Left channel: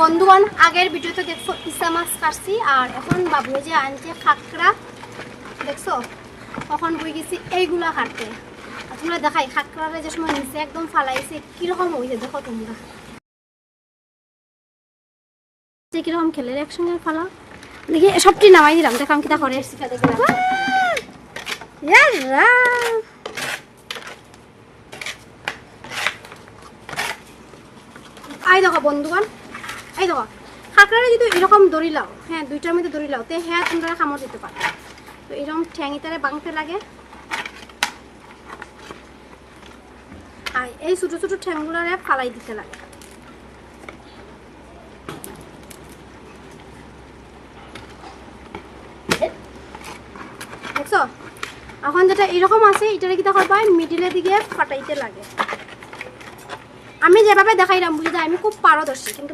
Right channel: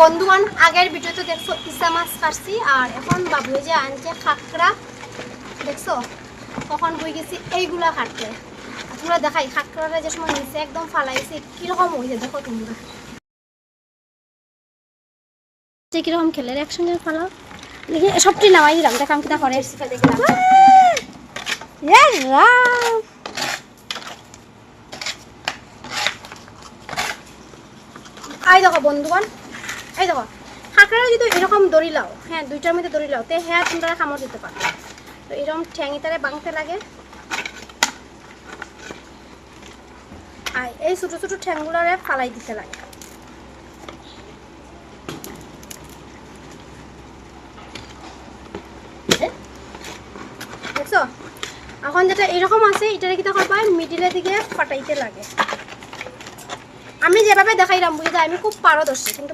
বন্ধুগণ, আগের ভিডিওতে দেখছো ইসা মাছ কাটছি, আর এখন বাবুয়ে যে আনছে খাকড়া, দেখছো কখন বই গেছি এইগুলা কাটতে। তোমরা দেখাই খাকড়াটা যে সময় নিচে একদম ফালাইছে কিরকম হয়েছে, দেখো তোমরা কিরকম খেলে একসঙ্গে ফালাও। দেখি সবটি নামাই দিলাম, দেখাম কিটা করে। আই দেখো বন্ধুগণ, এই দেখো খাকড়াটা যদি এরকম দড়ি লাও, হ্যাঁ দুইটার মধ্যে দড়ি লাও, তো হ্যাঁ তোমরা কামড় দিতে পারো। তো এরকম ঠ্যাঙি তারে বাঁধতে লাগে, আর এই ছোটো ছোটো ঠ্যাংগুলারে ফালাই দিতে লাগে। দেখছো এখন যেটা এরকম আছে, এটারে কি দেখো মিডিলের দিকে ফাটাইতে লাগে। আমি যেভাবে দেখাইলাম বুঝতে, আমি খুব পারদর্শী, কিন্তু